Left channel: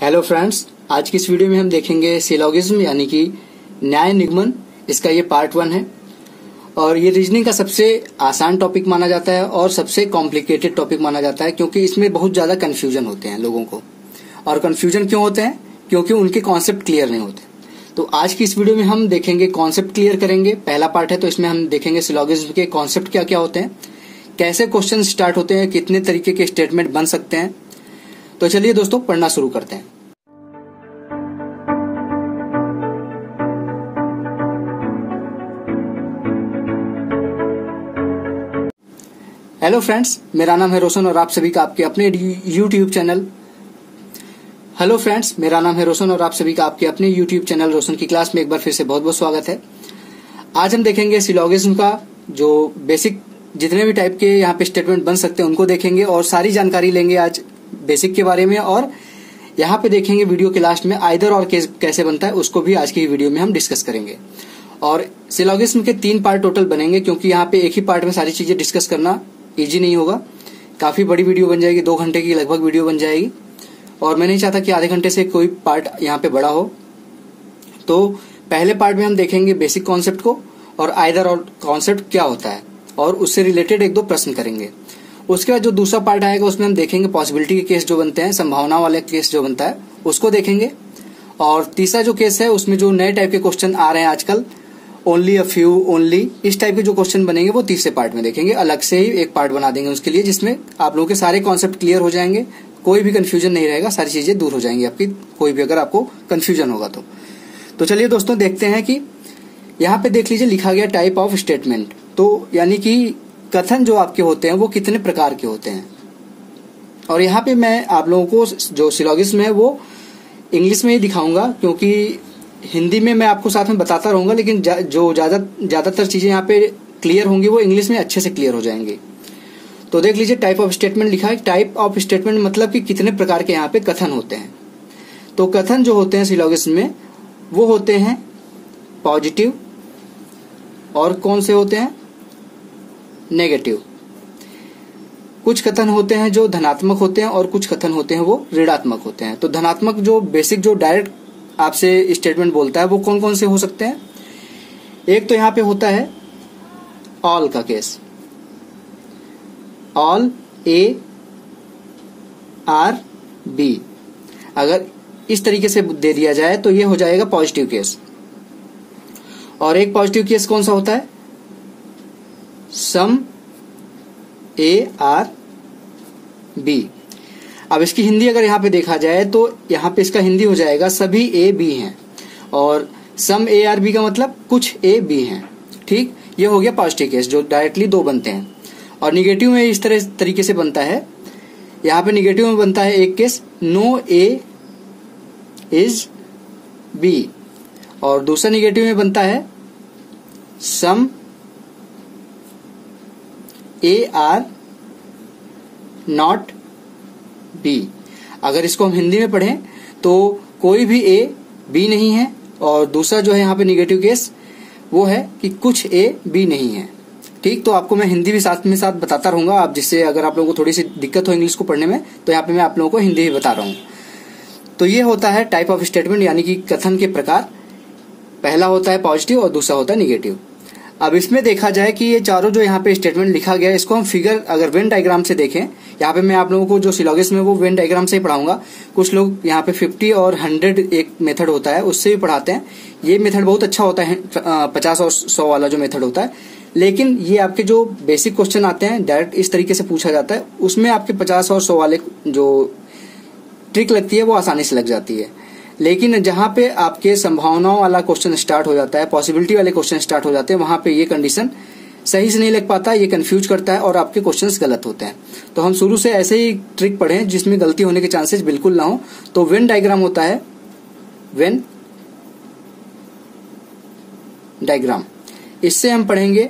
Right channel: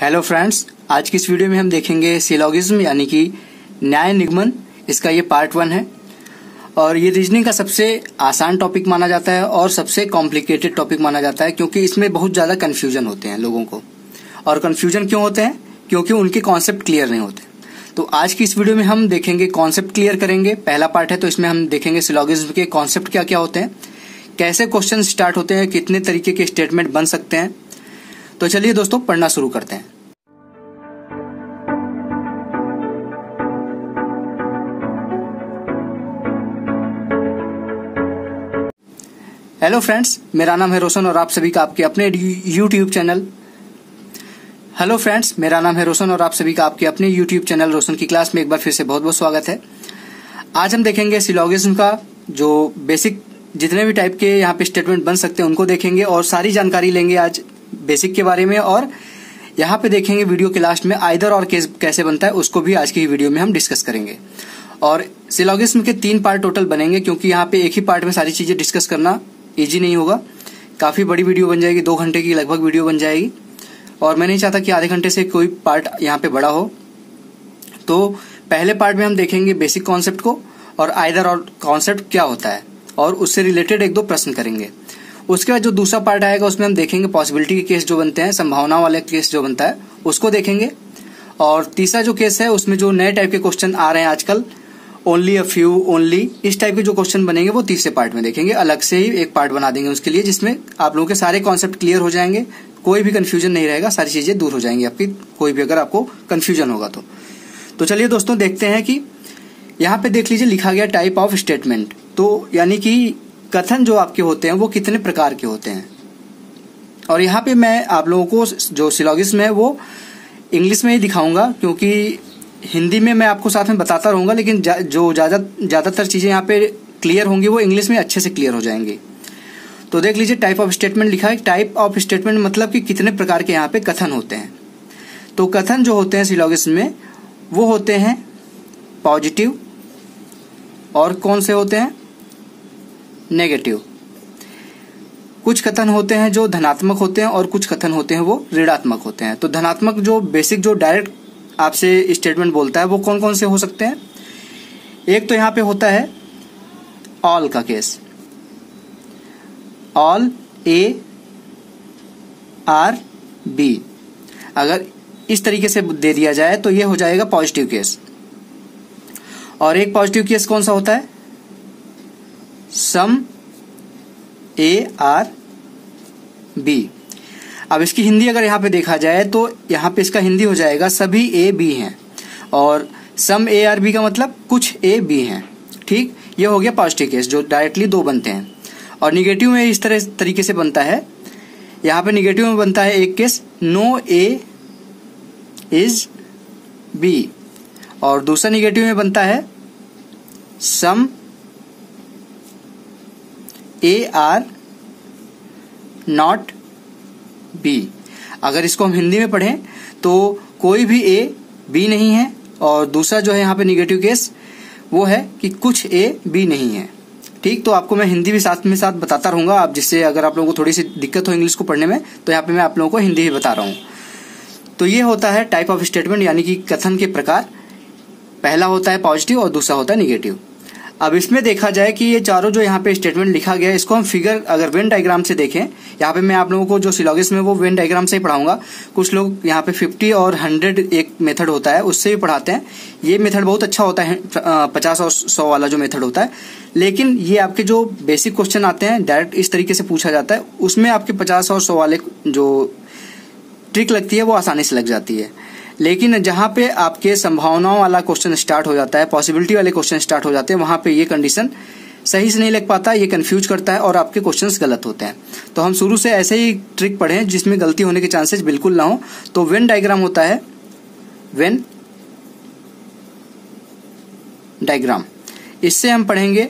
Hello friends, आज की इस वीडियो में हम देखेंगे सिलोगिज्म यानी कि न्याय निगमन। इसका ये पार्ट 1 है और ये रीजनिंग का सबसे आसान टॉपिक माना जाता है और सबसे कॉम्प्लिकेटेड टॉपिक माना जाता है, क्योंकि इसमें बहुत ज्यादा कंफ्यूजन होते हैं लोगों को। और कंफ्यूजन क्यों होते हैं? क्योंकि उनके कॉन्सेप्ट क्लियर नहीं होते। तो आज की इस वीडियो में हम देखेंगे, कॉन्सेप्ट क्लियर करेंगे। पहला पार्ट है तो इसमें हम देखेंगे सिलोगिज्म के कॉन्सेप्ट क्या क्या होते हैं, कैसे क्वेश्चन स्टार्ट होते हैं, कितने तरीके के स्टेटमेंट बन सकते हैं। तो चलिए दोस्तों पढ़ना शुरू करते हैं। हेलो फ्रेंड्स, मेरा नाम है रोशन और आप सभी का आपके अपने यूट्यूब चैनल रोशन की क्लास में एक बार फिर से बहुत बहुत स्वागत है। आज हम देखेंगे सिलोगिज्म का जो बेसिक जितने भी टाइप के यहाँ पे स्टेटमेंट बन सकते हैं उनको देखेंगे और सारी जानकारी लेंगे आज बेसिक के बारे में। और यहाँ पे देखेंगे वीडियो के लास्ट में आइदर और केस कैसे बनता है, उसको भी आज की वीडियो में हम डिस्कस करेंगे। और सिलोगिज्म के 3 पार्ट टोटल बनेंगे, क्योंकि यहाँ पे एक ही पार्ट में सारी चीजें डिस्कस करना इजी नहीं होगा। काफी बड़ी वीडियो बन जाएगी, 2 घंटे की लगभग वीडियो बन जाएगी और मैं नहीं चाहता कि आधे घंटे से कोई पार्ट यहाँ पे बड़ा हो। तो पहले पार्ट में हम देखेंगे बेसिक कॉन्सेप्ट को और आइदर और कॉन्सेप्ट क्या होता है और उससे रिलेटेड 1-2 प्रश्न करेंगे। उसके बाद जो दूसरा पार्ट आएगा उसमें हम देखेंगे पॉसिबिलिटी के केस जो बनते हैं, संभावना वाले केस जो बनता है उसको देखेंगे। और तीसरा जो केस है उसमें जो नए टाइप के क्वेश्चन आ रहे हैं आजकल, ओनली अ फ्यू, ओनली, इस टाइप के जो क्वेश्चन बनेंगे वो तीसरे पार्ट में देखेंगे। अलग से ही एक पार्ट बना देंगे उसके लिए, जिसमें आप लोगों के सारे कॉन्सेप्ट क्लियर हो जाएंगे, कोई भी कंफ्यूजन नहीं रहेगा, सारी चीजें दूर हो जाएंगी आपकी, कोई भी अगर आपको कंफ्यूजन होगा तो चलिए दोस्तों देखते हैं कि यहाँ पे देख लीजिए लिखा गया टाइप ऑफ स्टेटमेंट। तो यानी कि कथन जो आपके होते हैं वो कितने प्रकार के होते हैं। और यहाँ पे मैं आप लोगों को जो सिलोगिज्म है वो इंग्लिश में ही दिखाऊंगा, क्योंकि हिंदी में मैं आपको साथ में बताता रहूंगा, लेकिन जो ज्यादातर चीजें यहाँ पे क्लियर होंगी वो इंग्लिश में अच्छे से क्लियर हो जाएंगी। तो देख लीजिए टाइप ऑफ स्टेटमेंट लिखा है। टाइप ऑफ स्टेटमेंट मतलब कि कितने प्रकार के यहाँ पे कथन होते हैं। तो कथन जो होते हैं सिलोगिज्म में वो होते हैं पॉजिटिव, और कौन से होते हैं? नेगेटिव। कुछ कथन होते हैं जो धनात्मक होते हैं और कुछ कथन होते हैं वो ऋणात्मक होते हैं। तो धनात्मक जो बेसिक जो डायरेक्ट आपसे स्टेटमेंट बोलता है वो कौन कौन से हो सकते हैं? एक तो यहां पे होता है ऑल का case, all A R B। अगर इस तरीके से दे दिया जाए तो ये हो जाएगा पॉजिटिव केस। और एक पॉजिटिव केस कौन सा होता है? Some A R B। अब इसकी हिंदी अगर यहाँ पे देखा जाए तो यहाँ पे इसका हिंदी हो जाएगा सभी A B हैं, और सम A R B का मतलब कुछ A B हैं। ठीक, ये हो गया पॉजिटिव केस जो डायरेक्टली 2 बनते हैं। और निगेटिव में इस तरीके से बनता है। यहाँ पे निगेटिव में बनता है एक case no A is B, और दूसरा निगेटिव में बनता है some A R not B। अगर इसको हम हिंदी में पढ़ें तो कोई भी A B नहीं है, और दूसरा जो है यहाँ पे निगेटिव केस वो है कि कुछ A B नहीं है। ठीक, तो आपको मैं हिंदी भी साथ में साथ बताता रहूंगा, आप जिससे अगर आप लोगों को थोड़ी सी दिक्कत हो इंग्लिश को पढ़ने में तो यहाँ पे मैं आप लोगों को हिंदी ही बता रहा हूँ। तो ये होता है टाइप ऑफ स्टेटमेंट यानी कि कथन के प्रकार। पहला होता है पॉजिटिव और दूसरा होता है निगेटिव। अब इसमें देखा जाए कि ये चारों जो यहाँ पे स्टेटमेंट लिखा गया है इसको हम फिगर अगर वेन डायग्राम से देखें, यहाँ पे मैं आप लोगों को जो सिलोगिज्म है वो वेन डायग्राम से ही पढ़ाऊंगा। कुछ लोग यहाँ पे 50 और 100 एक मेथड होता है उससे भी पढ़ाते हैं। ये मेथड बहुत अच्छा होता है, 50 और 100 वाला जो मेथड होता है। लेकिन ये आपके जो बेसिक क्वेश्चन आते हैं डायरेक्ट इस तरीके से पूछा जाता है, उसमें आपके 50 और 100 वाले जो ट्रिक लगती है वो आसानी से लग जाती है। लेकिन जहां पे आपके संभावनाओं वाला क्वेश्चन स्टार्ट हो जाता है, पॉसिबिलिटी वाले क्वेश्चन स्टार्ट हो जाते हैं, वहां पे ये कंडीशन सही से नहीं लग पाता, ये कंफ्यूज करता है और आपके क्वेश्चंस गलत होते हैं। तो हम शुरू से ऐसे ही ट्रिक पढ़ें जिसमें गलती होने के चांसेस बिल्कुल ना हो। तो वेन डायग्राम होता है, वेन डायग्राम, इससे हम पढ़ेंगे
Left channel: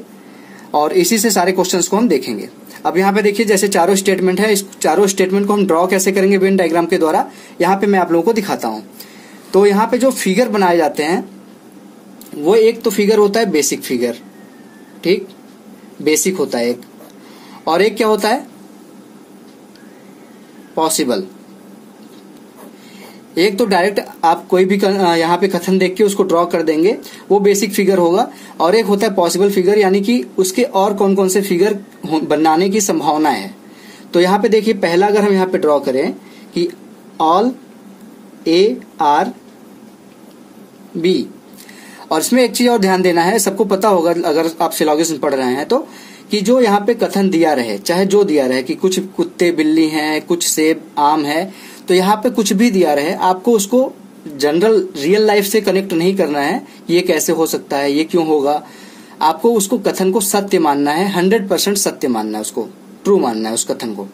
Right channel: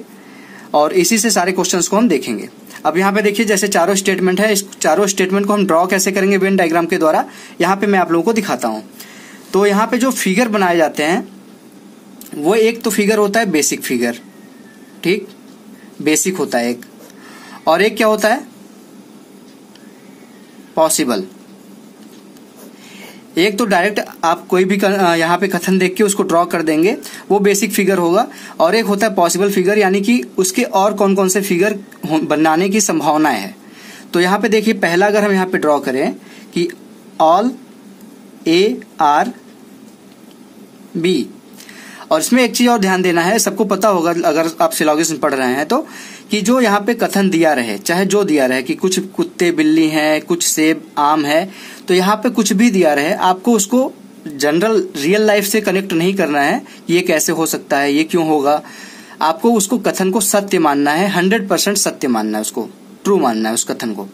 और इसी से सारे क्वेश्चंस को हम देखेंगे। अब यहाँ पे देखिए जैसे चारों स्टेटमेंट है, इस चारों स्टेटमेंट को हम ड्रॉ कैसे करेंगे वेन डायग्राम के द्वारा, यहाँ पे मैं आप लोगों को दिखाता हूँ। तो यहाँ पे जो फिगर बनाए जाते हैं वो एक तो फिगर होता है बेसिक फिगर, ठीक, बेसिक होता है एक, और एक क्या होता है? पॉसिबल। एक तो डायरेक्ट आप कोई भी यहाँ पे कथन देख के उसको ड्रॉ कर देंगे, वो बेसिक फिगर होगा। और एक होता है पॉसिबल फिगर, यानी कि उसके और कौन कौन से फिगर बनाने की संभावना है। तो यहाँ पे देखिए, पहला अगर हम यहाँ पे ड्रॉ करें कि ऑल ए आर बी, और इसमें एक चीज और ध्यान देना है, सबको पता होगा अगर आप सिलोगिज्म पढ़ रहे हैं तो, कि जो यहाँ पे कथन दिया रहे, चाहे जो दिया रहे कि कुछ कुत्ते बिल्ली हैं, कुछ सेब आम है, तो यहाँ पे कुछ भी दिया रहे, आपको उसको जनरल रियल लाइफ से कनेक्ट नहीं करना है। ये कैसे हो सकता है, ये क्यों होगा, आपको उसको कथन को सत्य मानना है, 100% सत्य मानना है, उसको ट्रू मानना है उस कथन को।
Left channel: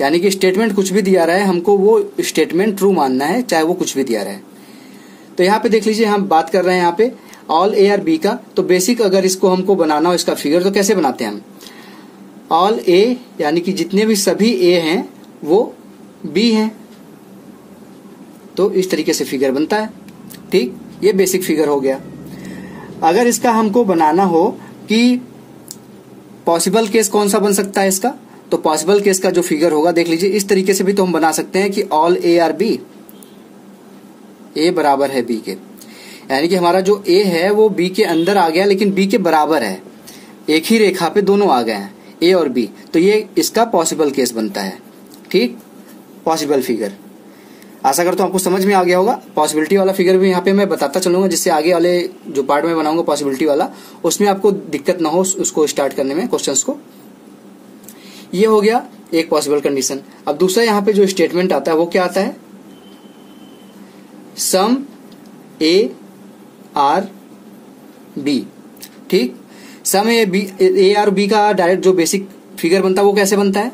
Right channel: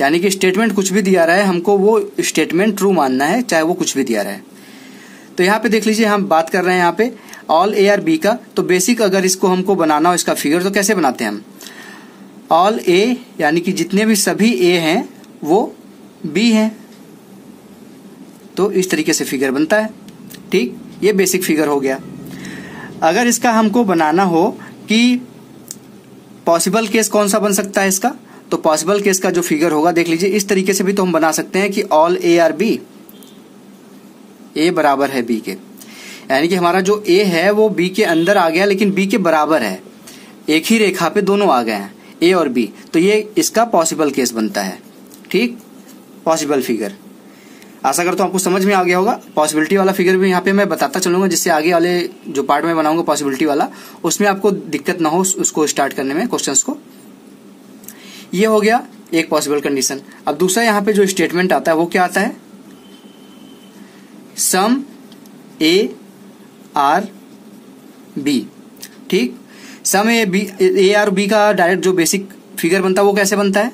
यानी कि स्टेटमेंट कुछ भी दिया रहा है, हमको वो स्टेटमेंट ट्रू मानना है, चाहे वो कुछ भी दिया रहा है। तो यहाँ पे देख लीजिए, हम बात कर रहे हैं यहाँ पे ऑल ए आर बी का। तो बेसिक अगर इसको हमको बनाना हो इसका फिगर, तो कैसे बनाते हैं हम, ऑल ए यानी कि जितने भी सभी ए हैं वो बी हैं, तो इस तरीके से फिगर बनता है। ठीक, ये बेसिक फिगर हो गया। अगर इसका हमको बनाना हो कि पॉसिबल केस कौन सा बन सकता है इसका, तो पॉसिबल केस का जो फिगर होगा देख लीजिए, इस तरीके से भी तो हम बना सकते हैं कि ऑल ए आर बी, ए बराबर है बी के, यानी कि हमारा जो ए है वो बी के अंदर आ गया लेकिन बी के बराबर है, एक ही रेखा पे दोनों आ गए हैं ए और बी, तो ये इसका पॉसिबल केस बनता है। ठीक, पॉसिबल फिगर। आशा करता हूं आपको समझ में आ गया होगा। पॉसिबिलिटी वाला फिगर भी यहाँ पे मैं बताता चलूंगा, जिससे आगे वाले जो पार्ट में बनाऊंगा पॉसिबिलिटी वाला, उसमें आपको दिक्कत ना हो उसको स्टार्ट करने में, क्वेश्चंस को। ये हो गया एक पॉसिबल कंडीशन। अब दूसरा यहाँ पे जो स्टेटमेंट आता है वो क्या आता है, सम ए आर बी। ठीक, सम ए आर बी का डायरेक्ट जो बेसिक फिगर बनता है वो कैसे बनता है,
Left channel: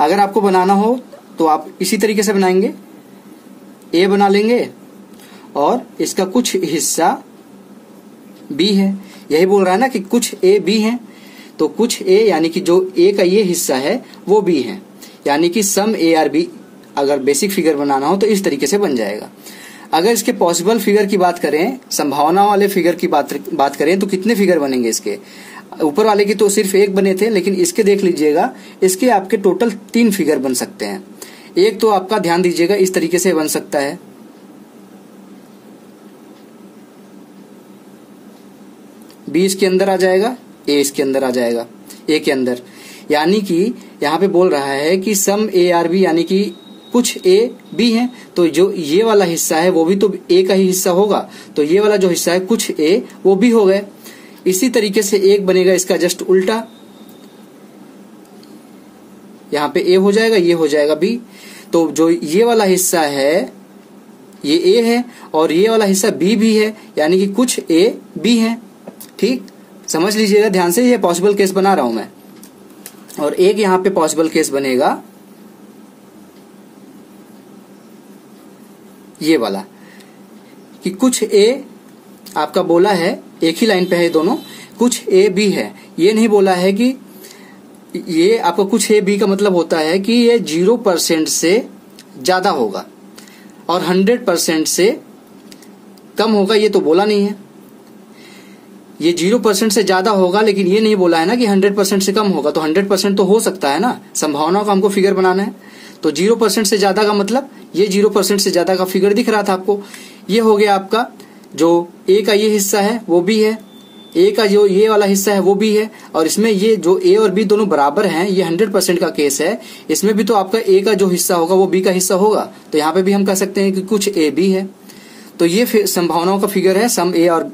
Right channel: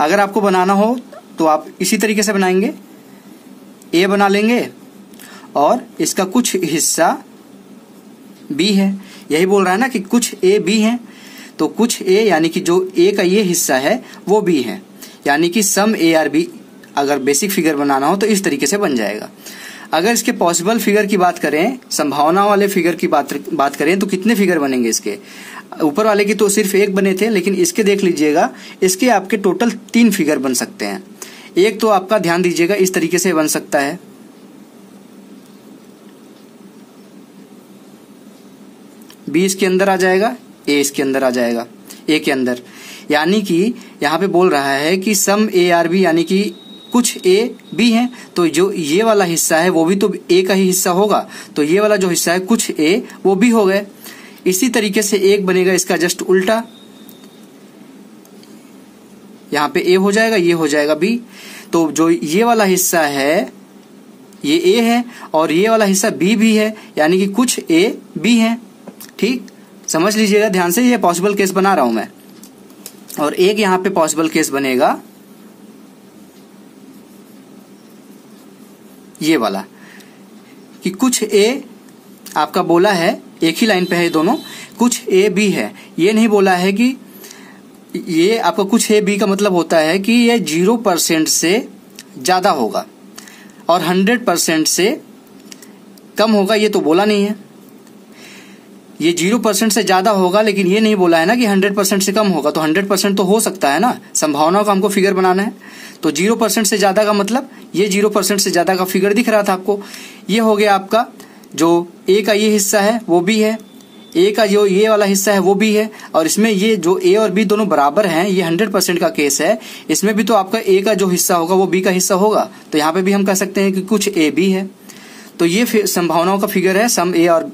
अगर आपको बनाना हो तो आप इसी तरीके से बनाएंगे, ए बना लेंगे और इसका कुछ हिस्सा बी है, यही बोल रहा है ना कि कुछ ए बी है, तो कुछ ए यानी कि जो ए का ये हिस्सा है वो बी है, यानी कि सम ए आर बी अगर बेसिक फिगर बनाना हो तो इस तरीके से बन जाएगा। अगर इसके पॉसिबल फिगर की बात करें, संभावना वाले फिगर की बात करें, तो कितने फिगर बनेंगे इसके, ऊपर वाले की तो सिर्फ एक बने थे, लेकिन इसके देख लीजिएगा, इसके आपके टोटल 3 फिगर बन सकते हैं। एक तो आपका ध्यान दीजिएगा इस तरीके से बन सकता है, बी इसके अंदर आ जाएगा, ए इसके अंदर आ जाएगा, ए के अंदर, यानी कि यहाँ पे बोल रहा है कि सम ए आर बी, यानी कि कुछ ए बी है, तो जो ये वाला हिस्सा है वो भी तो ए का ही हिस्सा होगा, तो ये वाला जो हिस्सा है कुछ ए वो भी हो गए। इसी तरीके से एक बनेगा इसका जस्ट उल्टा, यहाँ पे ए हो जाएगा, ये हो जाएगा बी, तो जो ये वाला हिस्सा है ये ए है और ये वाला हिस्सा बी भी है, यानी कि कुछ ए बी है। ठीक, समझ लीजिएगा ध्यान से, ये पॉसिबल केस बना रहा हूं मैं। और एक यहाँ पे पॉसिबल केस बनेगा ये वाला, कि कुछ ए आपका बोला है, एक ही लाइन पे है दोनों, कुछ ए बी है, ये नहीं बोला है कि ये आपका कुछ ए बी का मतलब होता है कि ये 0% से ज्यादा होगा और 100% से कम होगा, ये तो बोला नहीं है। ये 0% से ज्यादा होगा, लेकिन ये नहीं बोला है ना कि 100% से कम होगा, तो 100% तो हो सकता है ना, संभावनाओं का हमको फिगर बनाना है। तो 0% से ज्यादा का मतलब ये 0% से ज्यादा का फिगर दिख रहा था आपको, ये हो गया आपका जो ए का ये हिस्सा है वो भी है, ए का जो ये वाला हिस्सा है वो भी है, और इसमें ये जो ए और बी दोनों बराबर हैं, ये 100% का केस है, इसमें भी तो आपका ए का जो हिस्सा होगा वो बी का हिस्सा होगा, तो यहाँ पे भी हम कह सकते हैं कि कुछ ए बी है। तो ये संभावनाओं का फिगर है सम ए और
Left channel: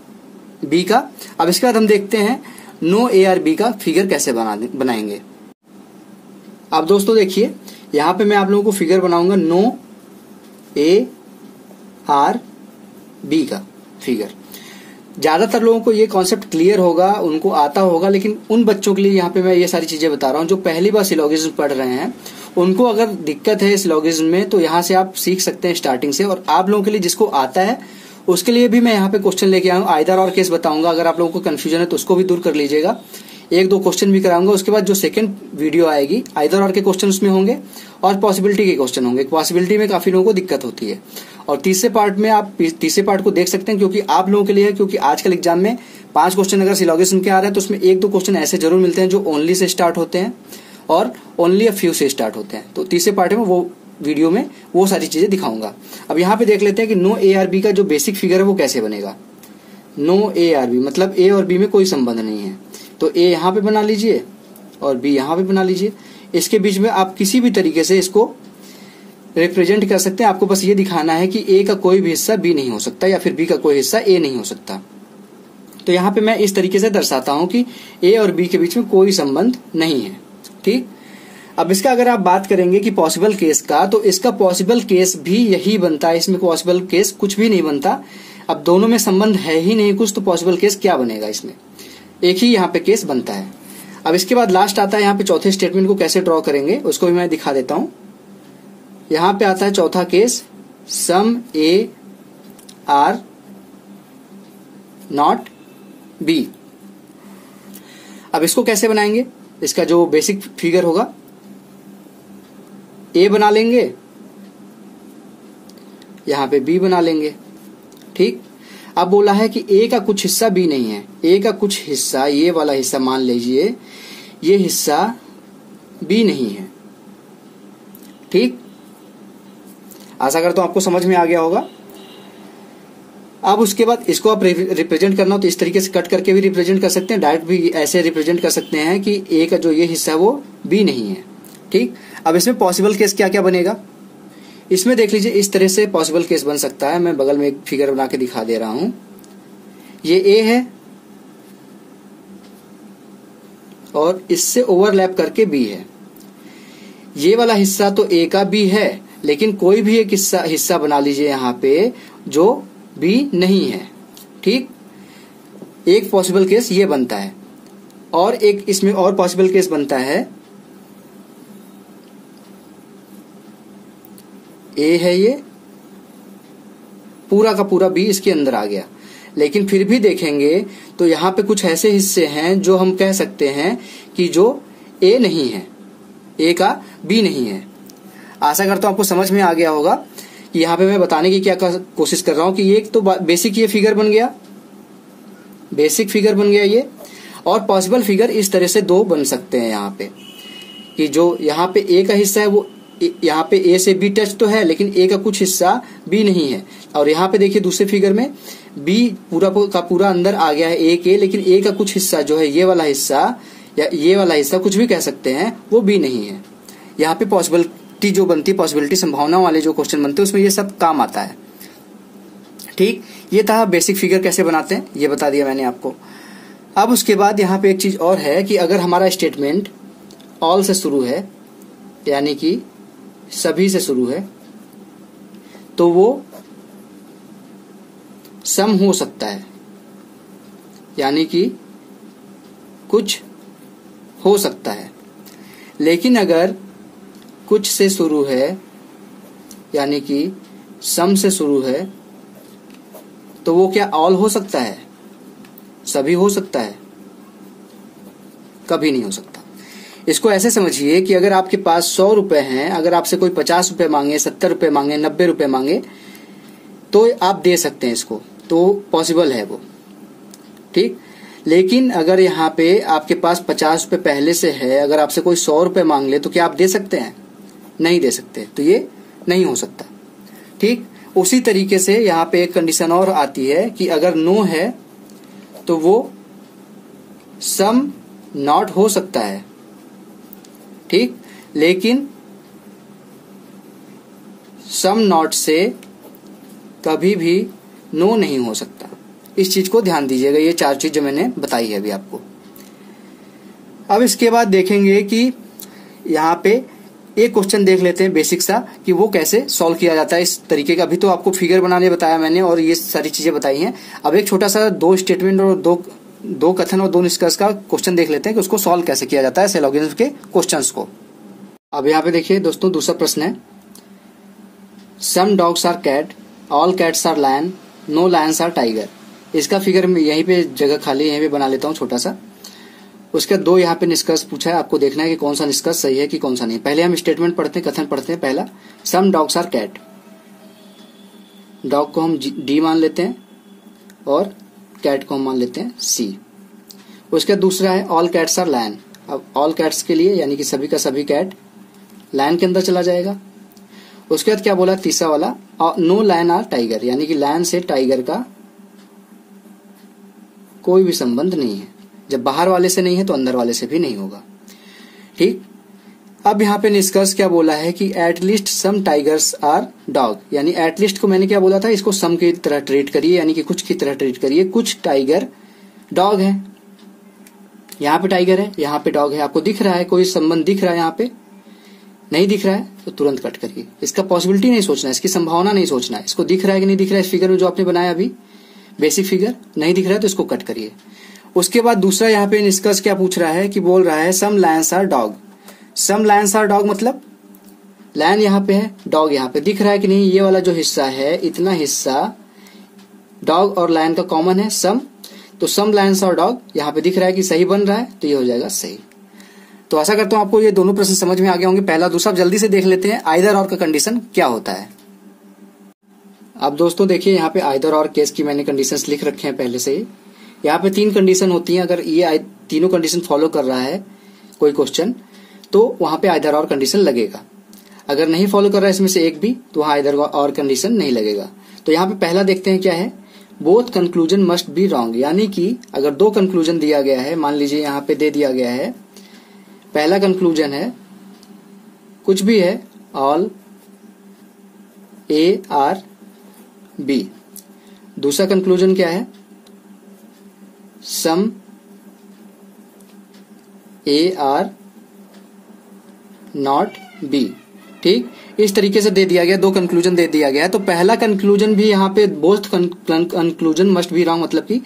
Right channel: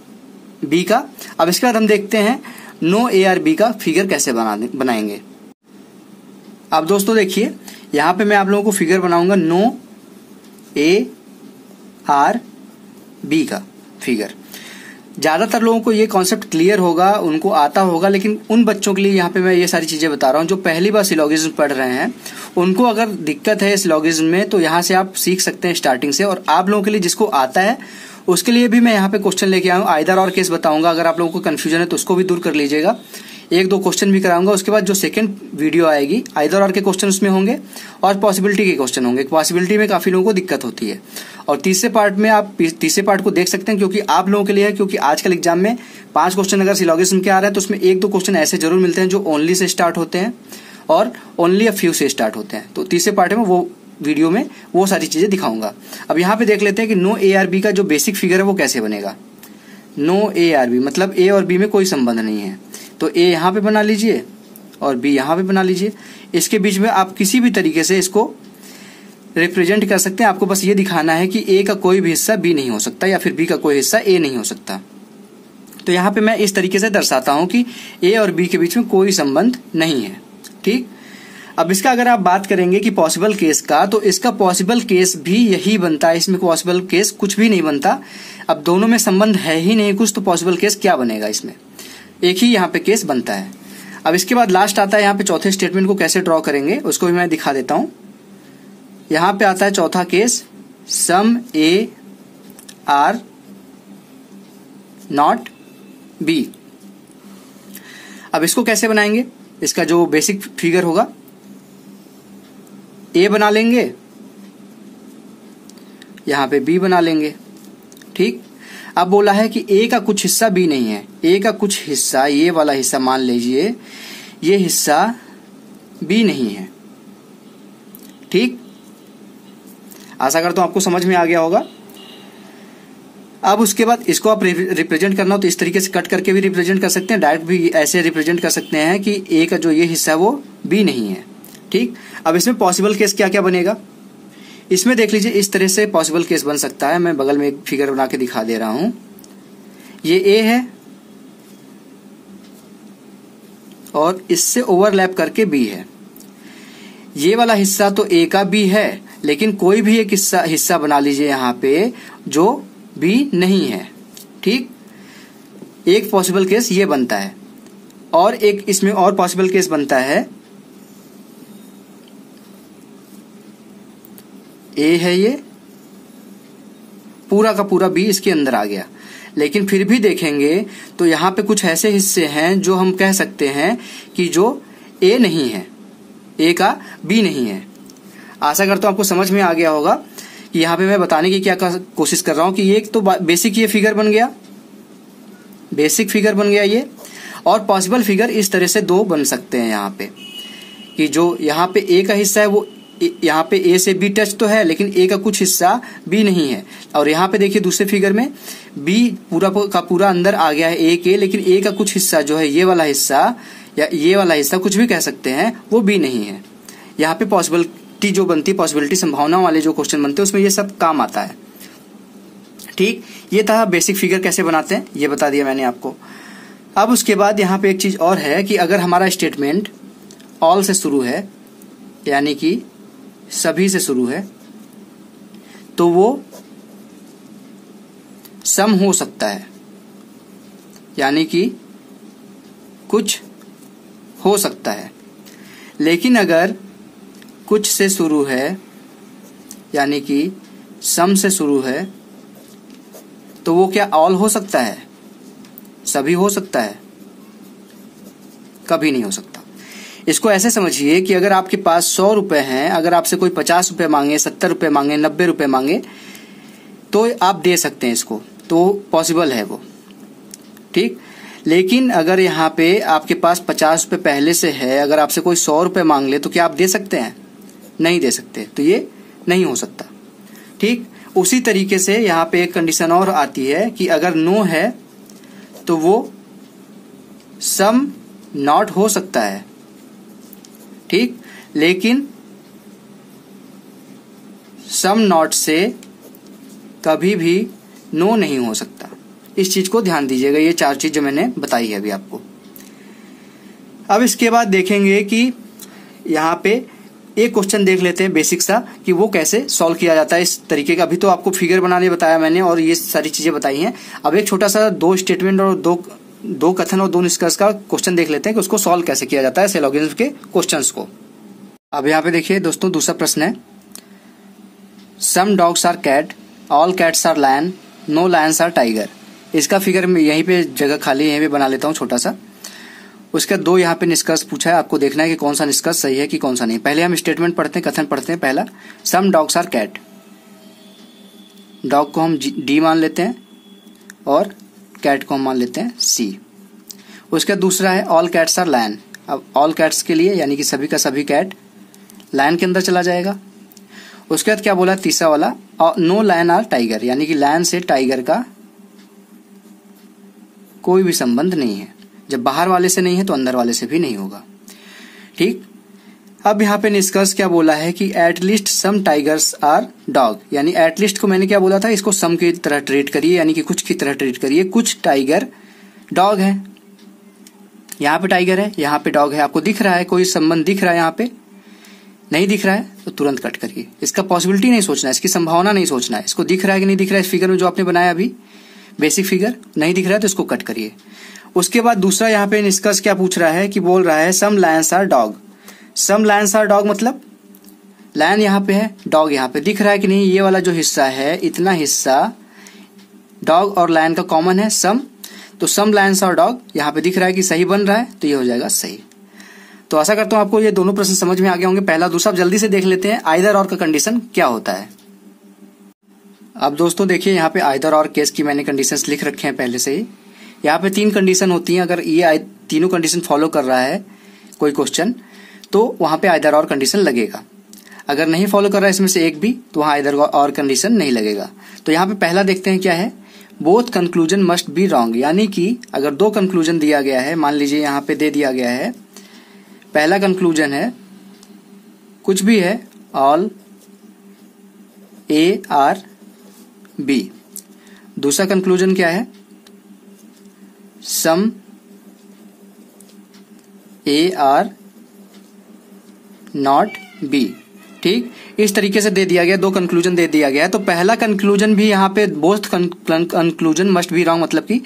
बी का। अब इसके बाद हम देखते हैं नो ए आर बी का फिगर कैसे बनाएंगे। अब दोस्तों देखिए, यहाँ पे मैं आप लोगों को फिगर बनाऊंगा नो ए आर बी का फिगर। ज्यादातर लोगों को ये कॉन्सेप्ट क्लियर होगा, उनको आता होगा, लेकिन उन बच्चों के लिए यहाँ पे मैं ये सारी चीजें बता रहा हूँ जो पहली बार सिलोगिज्म पढ़ रहे हैं, उनको अगर दिक्कत है सिलोगिज्म में तो यहाँ से आप सीख सकते हैं स्टार्टिंग से। और आप लोगों के लिए जिसको आता है उसके लिए भी मैं यहाँ पे क्वेश्चन लेके आऊँ, आइदर और केस बताऊंगा, अगर आप लोगों को कंफ्यूजन है तो उसको भी दूर कर लीजिएगा। 1-2 क्वेश्चन भी कराऊंगा, उसके बाद जो सेकंड वीडियो आएगी आइदर और के क्वेश्चन उसमें होंगे और पॉसिबिलिटी के क्वेश्चन होंगे। पॉसिबिलिटी में काफी लोगों को दिक्कत होती है, और तीसरे पार्ट में आप तीसरे पार्ट को देख सकते हैं, क्योंकि आप लोगों के लिए है, क्योंकि आजकल एग्जाम में 5 क्वेश्चन अगर सिलोगिज्म के आ रहा है तो उसमें 1-2 क्वेश्चन ऐसे जरूर मिलते हैं जो ओनली से स्टार्ट होते हैं और ओनली अ फ्यू से स्टार्ट होते हैं। तो तीसरे पार्ट में वो वीडियो में वो सारी चीजें दिखाऊंगा। अब यहाँ पे देख लेते हैं कि नो ए आर बी का जो बेसिक फिगर है वो कैसे बनेगा। नो ए आर बी मतलब ए और बी में कोई संबंध नहीं है, तो ए यहाँ पे बना लीजिए और बी यहाँ पे बना लीजिए। इसके बीच में आप किसी भी तरीके से इसको रिप्रेजेंट कर सकते हैं। आपको बस ये दिखाना है कि ए का कोई भी हिस्सा बी नहीं हो सकता या फिर बी का कोई हिस्सा ए नहीं हो सकता। तो यहाँ पे मैं इस तरीके से दर्शाता हूं कि ए और बी के बीच में कोई संबंध नहीं है। ठीक, अब इसका अगर आप बात करेंगे कि पॉसिबल केस का, तो इसका पॉसिबल केस भी यही बनता है। इसमें पॉसिबल केस कुछ भी नहीं बनता। अब दोनों में संबंध है ही नहीं कुछ, तो पॉसिबल केस क्या बनेगा? इसमें एक ही यहाँ पे केस बनता है। अब इसके बाद लास्ट आता है यहाँ पे चौथे स्टेटमेंट को कैसे ड्रॉ करेंगे उसको भी मैं दिखा देता हूं। यहाँ पे आता है चौथा case, some A are not B. अब इसको कैसे बनाएंगे? इसका जो बेसिक फिगर होगा, ए बना लेंगे, यहां पे बी बना लेंगे। ठीक, अब बोला है कि ए का कुछ हिस्सा बी नहीं है। ए का कुछ हिस्सा, ये वाला हिस्सा मान लीजिए, ये हिस्सा बी नहीं है। ठीक, आशा करता हूं आपको समझ में आ गया होगा। अब उसके बाद इसको आप रिप्रेजेंट करना हो तो इस तरीके से कट करके भी रिप्रेजेंट कर सकते हैं, डायरेक्ट भी ऐसे रिप्रेजेंट कर सकते हैं कि ए का जो ये हिस्सा है वो बी नहीं है। ठीक, अब इसमें पॉसिबल केस क्या क्या बनेगा? इसमें देख लीजिए, इस तरह से पॉसिबल केस बन सकता है। मैं बगल में एक फिगर बना के दिखा दे रहा हूं। ये ए है और इससे ओवरलैप करके बी है। ये वाला हिस्सा तो ए का बी है, लेकिन कोई भी एक हिस्सा बना लीजिए यहाँ पे जो बी नहीं है। ठीक, एक पॉसिबल केस ये बनता है। और एक इसमें और पॉसिबल केस बनता है, ए है ये, पूरा का पूरा बी इसके अंदर आ गया। लेकिन फिर भी देखेंगे तो यहाँ पे कुछ ऐसे हिस्से हैं जो हम कह सकते हैं कि जो ए नहीं है, ए का बी नहीं है। आशा करता हूं आपको समझ में आ गया होगा कि यहाँ पे मैं बताने की क्या कोशिश कर रहा हूं कि ये एक तो बेसिक ये फिगर बन गया, बेसिक फिगर बन गया ये, और पॉसिबल फिगर इस तरह से दो बन सकते हैं यहाँ पे कि जो यहाँ पे ए का हिस्सा है वो यहाँ पे ए से बी टच तो है, लेकिन ए का कुछ हिस्सा बी नहीं है। और यहाँ पे देखिए दूसरे फिगर में बी पूरा का पूरा अंदर आ गया है ए के, लेकिन ए का कुछ हिस्सा जो है ये वाला हिस्सा या ये वाला हिस्सा कुछ भी कह सकते हैं, वो बी नहीं है। यहाँ पे पॉसिबिलिटी जो बनती है, पॉसिबिलिटी संभावना वाले जो क्वेश्चन बनते हैं उसमें ये सब काम आता है। ठीक, ये था बेसिक फिगर कैसे बनाते हैं, ये बता दिया मैंने आपको। अब उसके बाद यहाँ पे एक चीज और है कि अगर हमारा स्टेटमेंट ऑल से शुरू है, यानी कि सभी से शुरू है, तो वो सम हो सकता है, यानी कि कुछ हो सकता है। लेकिन अगर कुछ से शुरू है, यानी कि सम से शुरू है, तो वो क्या ऑल हो सकता है? सभी हो सकता है? कभी नहीं हो सकता। इसको ऐसे समझिए कि अगर आपके पास 100 रुपए हैं, अगर आपसे कोई 50 रुपए मांगे, 70 रुपए मांगे, 90 रुपए मांगे, तो आप दे सकते हैं इसको, तो पॉसिबल है वो। ठीक, लेकिन अगर यहाँ पे आपके पास 50 रुपए पहले से है, अगर आपसे कोई 100 रुपए मांग ले, तो क्या आप दे सकते हैं? नहीं दे सकते, तो ये नहीं हो सकता। ठीक, उसी तरीके से यहाँ पे एक कंडीशन और आती है कि अगर नो है तो वो सम नॉट हो सकता है। ठीक, लेकिन सम नॉट से कभी भी नो नहीं हो सकता। इस चीज को ध्यान दीजिएगा, ये 4 चीज जो मैंने बताई है अभी आपको। अब इसके बाद देखेंगे कि यहाँ पे एक क्वेश्चन देख लेते हैं बेसिक सा कि वो कैसे सॉल्व किया जाता है इस तरीके का। अभी तो आपको फिगर बनाने बताया मैंने और ये सारी चीजें बताई हैं। अब एक छोटा सा 2 स्टेटमेंट और दो कथन और 2 निष्कर्ष का क्वेश्चन देख लेते हैं कि उसको सॉल्व कैसे किया जाता है सिलोगिज्म के क्वेश्चंस को। अब यहाँ पे देखिए दोस्तों, दूसरा प्रश्न है, some dogs are cat, all cats are lion, no lions are tiger. इसका फिगर में यहीं पे जगह खाली है, यहीं पे बना लेता हूँ छोटा सा। उसका 2 यहाँ पे निष्कर्ष पूछा है, आपको देखना है कि कौन सा निष्कर्ष सही है कि कौन सा नहीं। पहले हम स्टेटमेंट पढ़ते हैं, कथन पढ़ते हैं। पहला, some dogs are cat, dog को हम डी मान लेते हैं और कैट को हम मान लेते हैं सी। उसका दूसरा है, ऑल कैट्स आर लायन। अब ऑल कैट्स के लिए यानी कि सभी का सभी कैट लायन के अंदर चला जाएगा। उसके बाद क्या बोला तीसरा वाला, नो लायन आर टाइगर, यानी कि लायन से टाइगर का कोई भी संबंध नहीं है। जब बाहर वाले से नहीं है तो अंदर वाले से भी नहीं होगा। ठीक, अब यहाँ पे निष्कर्ष क्या बोला है कि at least some tigers are dog, यानी एटलीस्ट को मैंने क्या बोला था, इसको सम की तरह ट्रीट करिए, यानी कि कुछ की तरह ट्रीट करिए। कुछ टाइगर डॉग है, यहाँ पे टाइगर है, यहाँ पे डॉग है। आपको दिख रहा है, कोई संबंध दिख रहा है, यहाँ पे नहीं दिख रहा है तो तुरंत कट करिए। इसका पॉसिबिलिटी नहीं सोचना है, इसकी संभावना नहीं सोचना है। इसको दिख रहा है कि नहीं दिख रहा है, इस फिगर में जो आपने बनाया अभी बेसिक फिगर नहीं दिख रहा है तो इसको कट करिए। उसके बाद दूसरा यहाँ पे निष्कर्ष क्या पूछ रहा है कि बोल रहा है some lions are dog. Some lions are dog मतलब लायन यहाँ पे है, डॉग यहाँ पे दिख रहा है कि नहीं, ये वाला जो हिस्सा है इतना हिस्सा डॉग और लायन का कॉमन है सम, तो सम लायंस आर डॉग यहाँ पे दिख रहा है कि सही बन रहा है, तो ये हो जाएगा सही। तो आशा करता हूं आपको ये दोनों प्रश्न समझ में आ गए होंगे। पहला दूसरा जल्दी से देख लेते हैं, आइदर और का कंडीशन क्या होता है। अब दोस्तों देखिए यहाँ पे आइदर और केस की मैंने कंडीशंस लिख रखे हैं पहले से ही। यहाँ पे 3 कंडीशन होती हैं, अगर ये तीनों कंडीशन फॉलो कर रहा है कोई क्वेश्चन तो वहां पे आइदर और कंडीशन लगेगा। अगर नहीं फॉलो कर रहा है इसमें से एक भी तो वहां आइदर और कंडीशन नहीं लगेगा। तो यहाँ पे पहला देखते हैं क्या है, both conclusion must be wrong, यानी कि अगर 2 कंक्लूजन दिया गया है, मान लीजिए यहाँ पे दे दिया गया है, पहला कंक्लूजन है कुछ भी है ऑल ए आर बी, दूसरा कंक्लूजन क्या है सम ए आर नॉट बी। ठीक, इस तरीके से दे दिया गया, 2 कंक्लूजन दे दिया गया। तो पहला कंक्लूजन भी यहाँ पे both conclusion must be wrong, मतलब कि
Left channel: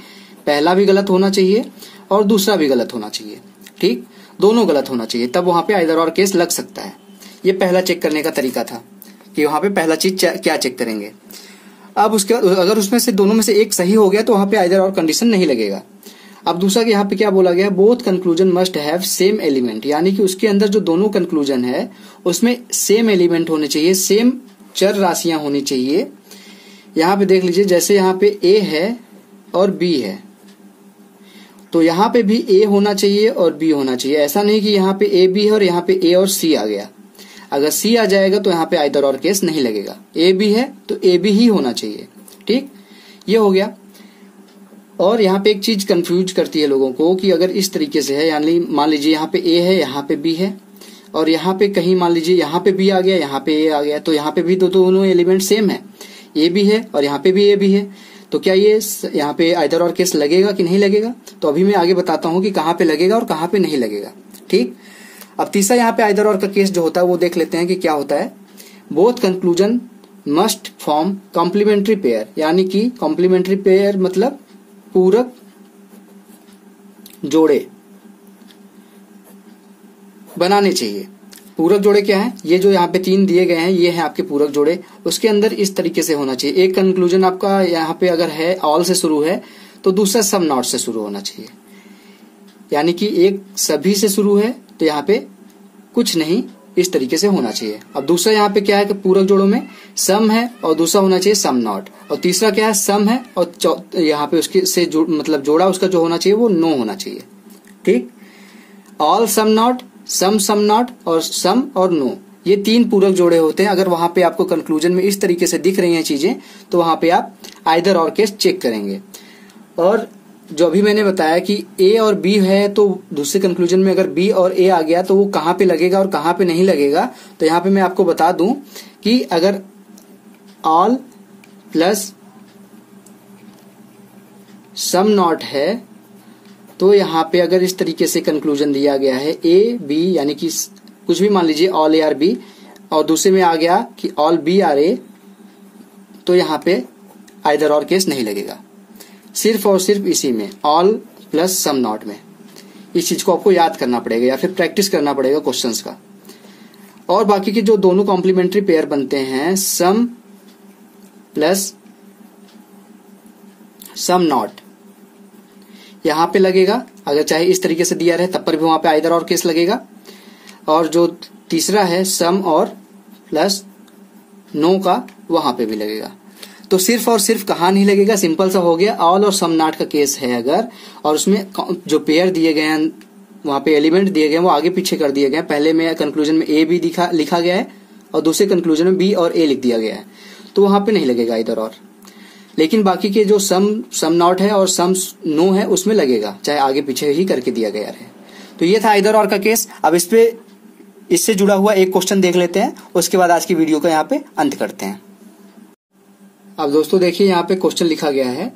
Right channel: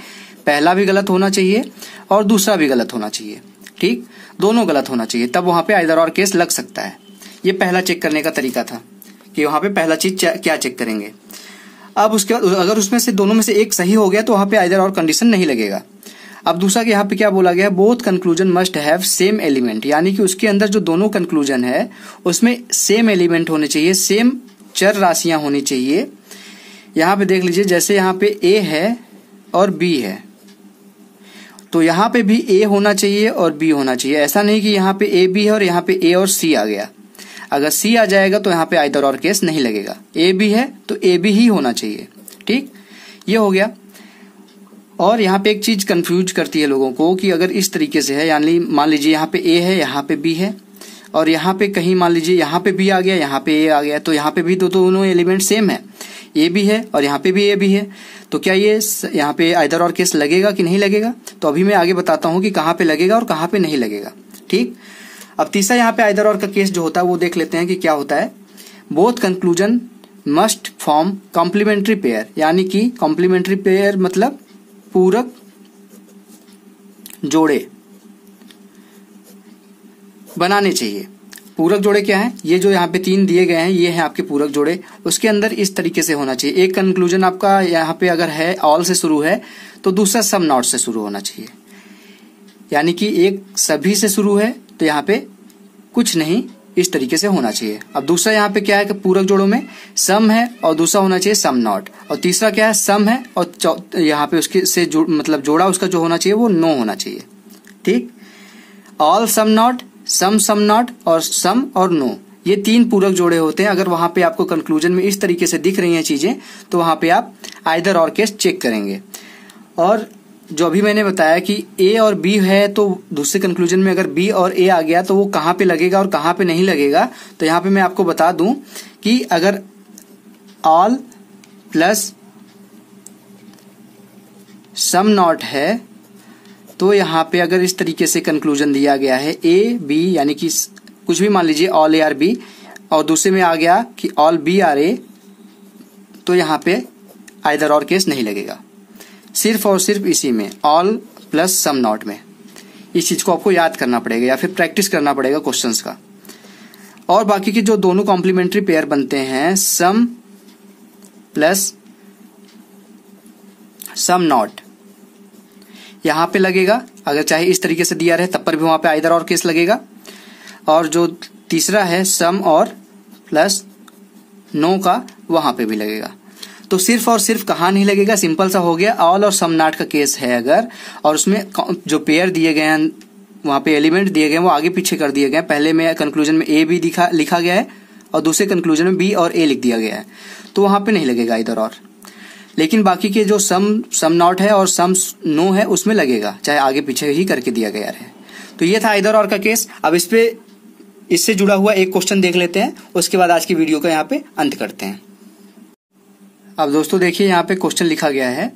पहला भी गलत होना चाहिए और दूसरा भी गलत होना चाहिए। ठीक, दोनों गलत होना चाहिए, तब वहां पे आइदर और केस लग सकता है। ये पहला चेक करने का तरीका था कि वहां पे पहला चीज क्या चेक करेंगे। अब उसके अगर उसमें से दोनों में से एक सही हो गया तो वहां पे आइदर और कंडीशन नहीं लगेगा। अब दूसरा यहाँ पे क्या बोला गया, both conclusion must have same element, यानी कि उसके अंदर जो दोनों कंक्लूजन है उसमें सेम एलिमेंट होने चाहिए, सेम चर राशियां होनी चाहिए। यहाँ पे देख लीजिए, जैसे यहाँ पे ए है और बी है तो यहाँ पे भी ए होना चाहिए और बी होना चाहिए। ऐसा नहीं कि यहाँ पे ए बी है और यहाँ पे ए और सी आ गया। अगर सी आ जाएगा तो यहाँ पे आइदर और केस नहीं लगेगा। ए बी है तो ए बी ही होना चाहिए। ठीक, ये हो गया। और यहाँ पे एक चीज कंफ्यूज करती है लोगों को कि अगर इस तरीके से है, यानी मान लीजिए यहाँ पे ए है, यहाँ पे बी है और यहाँ पे कहीं मान लीजिए यहाँ पे बी आ गया, यहाँ पे ए आ गया, तो यहाँ पे भी दोनों एलिमेंट सेम है, ए भी है और यहाँ पे भी ए भी है। तो क्या ये यहाँ पे आइदर और केस लगेगा कि नहीं लगेगा, तो अभी मैं आगे बताता हूँ कि कहाँ पे लगेगा और कहाँ पे नहीं लगेगा। ठीक, अब तीसरा यहाँ पे आइदर और का केस जो होता है वो देख लेते हैं कि क्या होता है। Both conclusion must form complementary pair, यानी कि कॉम्प्लीमेंट्री पेयर मतलब पूरक जोड़े बनाने चाहिए। पूरक जोड़े क्या है, ये जो यहाँ पे 3 दिए गए हैं ये हैं आपके पूरक जोड़े। उसके अंदर इस तरीके से होना चाहिए, एक कंक्लूजन आपका यहाँ पे अगर है ऑल से शुरू है तो दूसरा सम नॉट से शुरू होना चाहिए, यानी कि एक सभी से शुरू है तो यहाँ पे कुछ नहीं, इस तरीके से होना चाहिए। अब दूसरा यहाँ पे क्या है कि पूरक जोड़ों में सम है और दूसरा होना चाहिए सम नॉट, और तीसरा क्या है सम है और यहाँ पे उसके से मतलब जोड़ा उसका जो होना चाहिए वो नो होना चाहिए। ठीक, all some not, some not और सम और नो, ये 3 पूरक जोड़े होते हैं। अगर वहां पे आपको कंक्लूजन में इस तरीके से दिख रही हैं चीजें तो वहां पे आप आइदर और केस चेक करेंगे। और जो अभी मैंने बताया कि ए और बी है तो दूसरे कंक्लूजन में अगर बी और ए आ गया तो वो कहाँ पे लगेगा और कहाँ पे नहीं लगेगा, तो यहाँ पे मैं आपको बता दूं कि अगर ऑल प्लस सम नॉट है तो यहाँ पे अगर इस तरीके से कंक्लूजन दिया गया है ए बी, यानी कि कुछ भी मान लीजिए ऑल ए आर बी, और दूसरे में आ गया कि ऑल बी आर ए, तो यहाँ पे आइदर और केस नहीं लगेगा। सिर्फ और सिर्फ इसी में ऑल प्लस सम नॉट में, इस चीज को आपको याद करना पड़ेगा या फिर प्रैक्टिस करना पड़ेगा क्वेश्चंस का। और बाकी के जो दोनों कॉम्प्लीमेंट्री पेयर बनते हैं सम प्लस सम नॉट, यहां पे लगेगा। अगर चाहे इस तरीके से दिया रहे तब पर भी वहां पे आइदर और केस लगेगा। और जो तीसरा है सम और प्लस नो का, वहां पे भी लगेगा। तो सिर्फ और सिर्फ कहाँ नहीं लगेगा, सिंपल सा हो गया, ऑल और सम नॉट का केस है अगर, और उसमें जो पेयर दिए गए हैं वहां पे एलिमेंट दिए गए वो आगे पीछे कर दिए गए। पहले में कंक्लूजन में ए बी लिखा गया है और दूसरे कंक्लूजन में बी और ए लिख दिया गया है, तो वहां पे नहीं लगेगा इधर और। लेकिन बाकी के जो सम नॉट है और सम नो है उसमें लगेगा, चाहे आगे पीछे ही करके दिया गया है। तो ये था इधर और का केस। अब इससे जुड़ा हुआ एक क्वेश्चन देख लेते हैं, उसके बाद आज की वीडियो का यहाँ पे अंत करते हैं। अब दोस्तों देखिए, यहाँ पे क्वेश्चन लिखा गया है,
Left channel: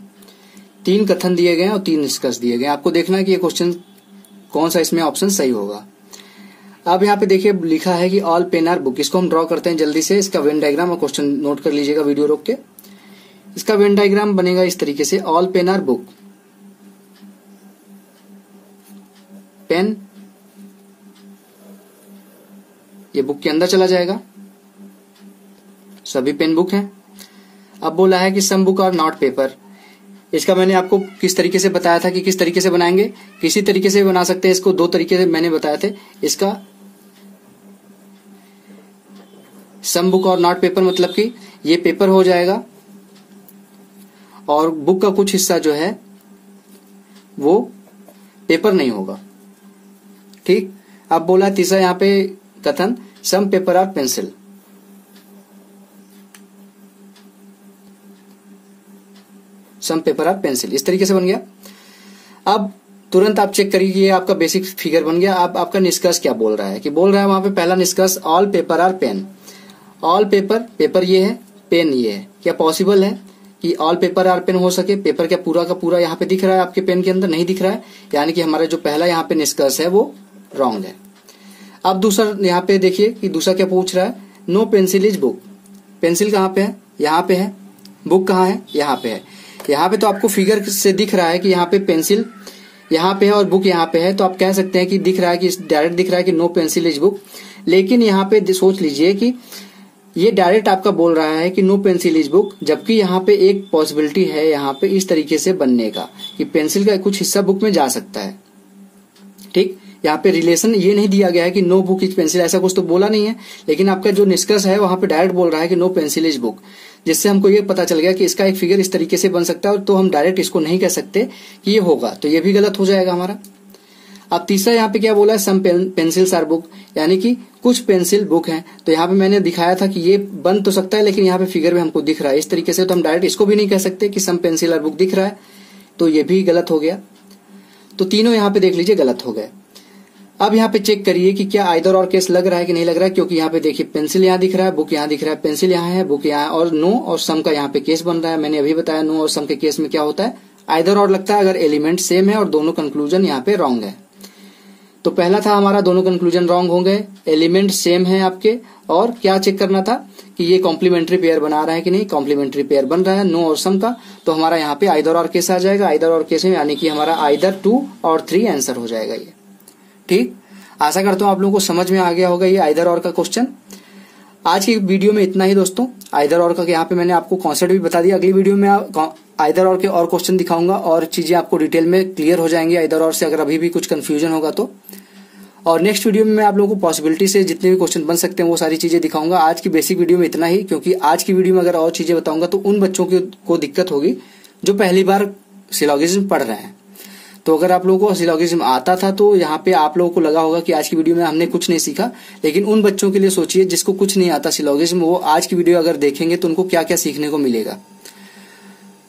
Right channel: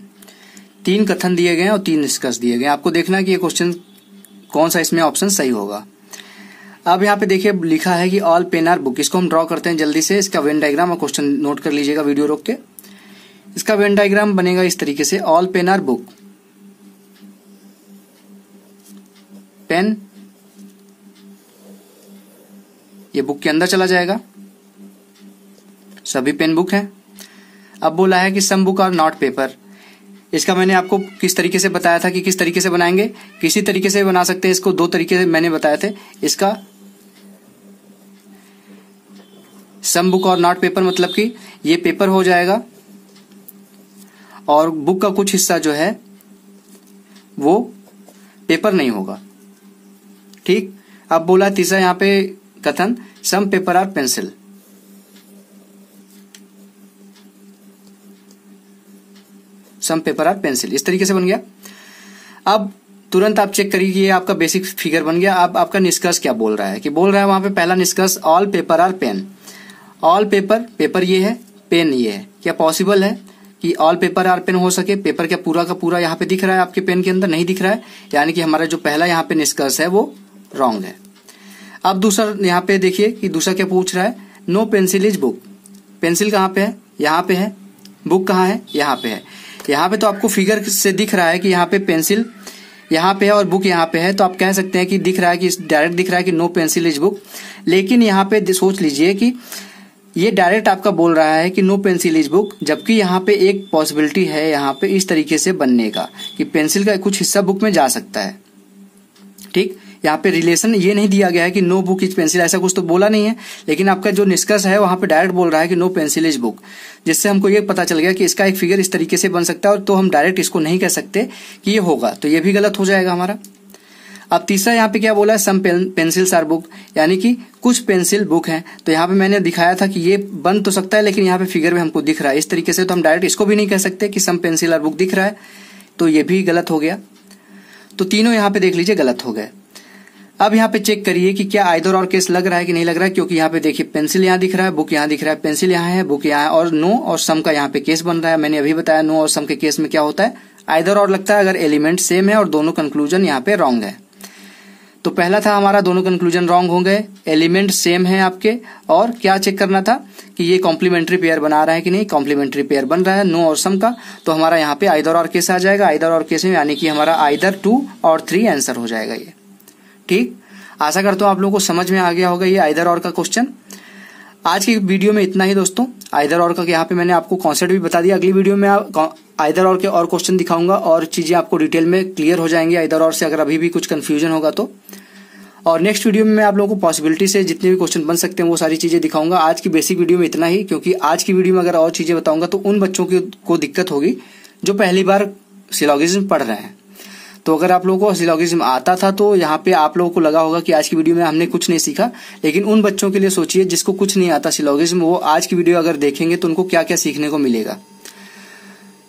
3 कथन दिए गए हैं और 3 निष्कर्ष दिए गए हैं। आपको देखना है कि ये क्वेश्चन कौन सा इसमें ऑप्शन सही होगा। अब यहाँ पे देखिए लिखा है कि ऑल पेन आर बुक। इसको हम ड्रॉ करते हैं जल्दी से, इसका वेन डायग्राम और क्वेश्चन नोट कर लीजिएगा वीडियो रोक के। इसका वेन डायग्राम बनेगा इस तरीके से, all pen are book, pen ये बुक के अंदर चला जाएगा, सभी पेन बुक हैं। अब बोला है कि some book are not paper. इसका मैंने आपको किस तरीके से बताया था कि किस तरीके से बनाएंगे, किसी तरीके से बना सकते हैं इसको, 2 तरीके से मैंने बताए थे। इसका सम बुक और नॉट पेपर मतलब कि ये पेपर हो जाएगा और बुक का कुछ हिस्सा जो है वो पेपर नहीं होगा। ठीक। अब बोला तीसरा यहाँ पे कथन, some paper are pencil. Some paper are pencil, इस तरीके से बन गया। अब तुरंत आप चेक करिए, ये आपका बेसिक फिगर बन गया। अब आपका निष्कर्ष क्या बोल रहा है, कि बोल रहा है वहां पे पहला निष्कर्ष, all paper are pen. All paper ये है, पेन ये है। क्या पॉसिबल है कि ऑल पेपर आर पेन हो सके? पेपर क्या पूरा का पूरा यहाँ पे दिख रहा है आपके पेन के अंदर? नहीं दिख रहा है, यानी कि हमारा जो पहला यहाँ पे निष्कर्ष है वो रॉन्ग है। अब दूसरा यहाँ पे देखिए कि दूसरा क्या पूछ रहा है, no pencil is book. Pencil कहाँ पे है? यहाँ पे है। बुक कहाँ है? यहाँ पे है। यहाँ पे तो आपको फिगर से दिख रहा है कि यहाँ पे पेंसिल यहाँ पे है और बुक यहाँ पे है, तो आप कह सकते हैं कि दिख रहा है कि डायरेक्ट दिख रहा है कि नो पेंसिल इज बुक। लेकिन यहाँ पे सोच लीजिए कि ये डायरेक्ट आपका बोल रहा है कि नो पेंसिल इज बुक, जबकि यहाँ पे एक पॉसिबिलिटी है यहाँ पे इस तरीके से बनने का कि पेंसिल का कुछ हिस्सा बुक में जा सकता है। ठीक। यहाँ पे रिलेशन ये नहीं दिया गया है कि नो बुक इज पेंसिल, ऐसा कुछ तो बोला नहीं है। लेकिन आपका जो निष्कर्ष है वहां पे डायरेक्ट बोल रहा है कि नो पेंसिल इज बुक, जिससे हमको ये पता चल गया कि इसका एक फिगर इस तरीके से बन सकता है। और तो हम डायरेक्ट इसको नहीं कह सकते कि ये होगा, तो ये भी गलत हो जाएगा हमारा। अब तीसरा यहाँ पे क्या बोला है, सम पेंसिल्स आर बुक, यानी कि कुछ पेंसिल बुक है। तो यहाँ पे मैंने दिखाया था कि ये बन तो सकता है, लेकिन यहाँ पे फिगर में हमको दिख रहा है इस तरीके से, तो हम डायरेक्ट इसको भी नहीं कह सकते कि सम पेंसिल आर बुक दिख रहा है, तो ये भी गलत हो गया। तो तीनों यहाँ पे देख लीजिए गलत हो गए। अब यहाँ पे चेक करिए कि क्या आइदर और केस लग रहा है कि नहीं लग रहा है, क्योंकि यहाँ पे देखिए पेंसिल यहाँ दिख रहा है, बुक यहाँ दिख रहा है, पेंसिल यहाँ है, बुक यहाँ है, और नो और सम का यहाँ पे केस बन रहा है। मैंने अभी बताया नो और सम के केस में क्या होता है, आइदर और लगता है अगर एलिमेंट सेम है और दोनों कंक्लूजन यहाँ पे रॉन्ग है। तो पहला था हमारा दोनों कंक्लूजन रॉन्ग हो गए, एलिमेंट सेम है आपके, और क्या चेक करना था कि ये कॉम्प्लीमेंट्री पेयर बना रहा है कि नहीं, कॉम्प्लीमेंट्री पेयर बन रहा है नो और सम का, तो हमारा यहाँ पे आइदर और केस आ जाएगा। आइदर और केस में यानी कि हमारा आइदर 2 और 3 आंसर हो जाएगा ये। ठीक। आशा करता हूं आप लोगों को समझ में आ गया होगा ये आइदर और का क्वेश्चन। आज की वीडियो में इतना ही दोस्तों। आइदर और का यहाँ पे मैंने आपको कॉन्सेप्ट भी बता दिया। अगली वीडियो में आइदर और के और क्वेश्चन दिखाऊंगा और चीजें आपको डिटेल में क्लियर हो जाएंगी आइदर और से, अगर अभी भी कुछ कंफ्यूजन होगा तो। और नेक्स्ट वीडियो में मैं आप लोगों को पॉसिबिलिटी से जितने भी क्वेश्चन बन सकते हैं वो सारी चीजें दिखाऊंगा। आज की बेसिक वीडियो में इतना ही, क्योंकि आज की वीडियो में अगर और चीजें बताऊंगा तो उन बच्चों को दिक्कत होगी जो पहली बार सिलॉगिज्म पढ़ रहे हैं। तो अगर आप लोगों को सिलॉगिज्म आता था तो यहाँ पे आप लोगों को लगा होगा कि आज की वीडियो में हमने कुछ नहीं सीखा, लेकिन उन बच्चों के लिए सोचिए जिसको कुछ नहीं आता सिलॉगिज्म, वो आज की वीडियो अगर देखेंगे तो उनको क्या क्या सीखने को मिलेगा।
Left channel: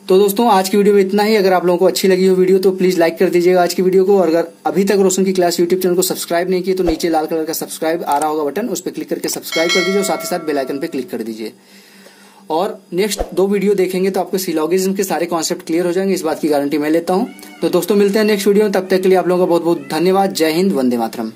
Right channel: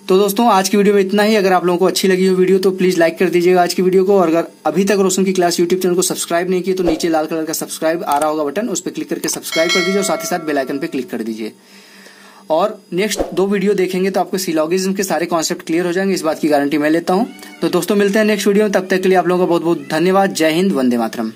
तो दोस्तों आज की वीडियो में इतना ही। अगर आप लोगों को अच्छी लगी हो वीडियो तो प्लीज लाइक कर दीजिएगा आज की वीडियो को, और अगर अभी तक रोशन की क्लास यूट्यूब चैनल को सब्सक्राइब नहीं किए तो नीचे लाल कलर का सब्सक्राइब आ रहा होगा बटन, उस पर क्लिक करके सब्सक्राइब कर दीजिए और साथ ही साथ बेल आइकन पे क्लिक कर दीजिए। और नेक्स्ट 2 वीडियो देखेंगे तो आपको सिलॉगिज्म के सारे कॉन्सेप्ट क्लियर हो जाएंगे, इस बात की गारंटी मैं लेता हूं। तो दोस्तों मिलते हैं नेक्स्ट वीडियो में, तब तक के लिए आप लोगों का बहुत बहुत धन्यवाद। जय हिंद, वंदे मातरम।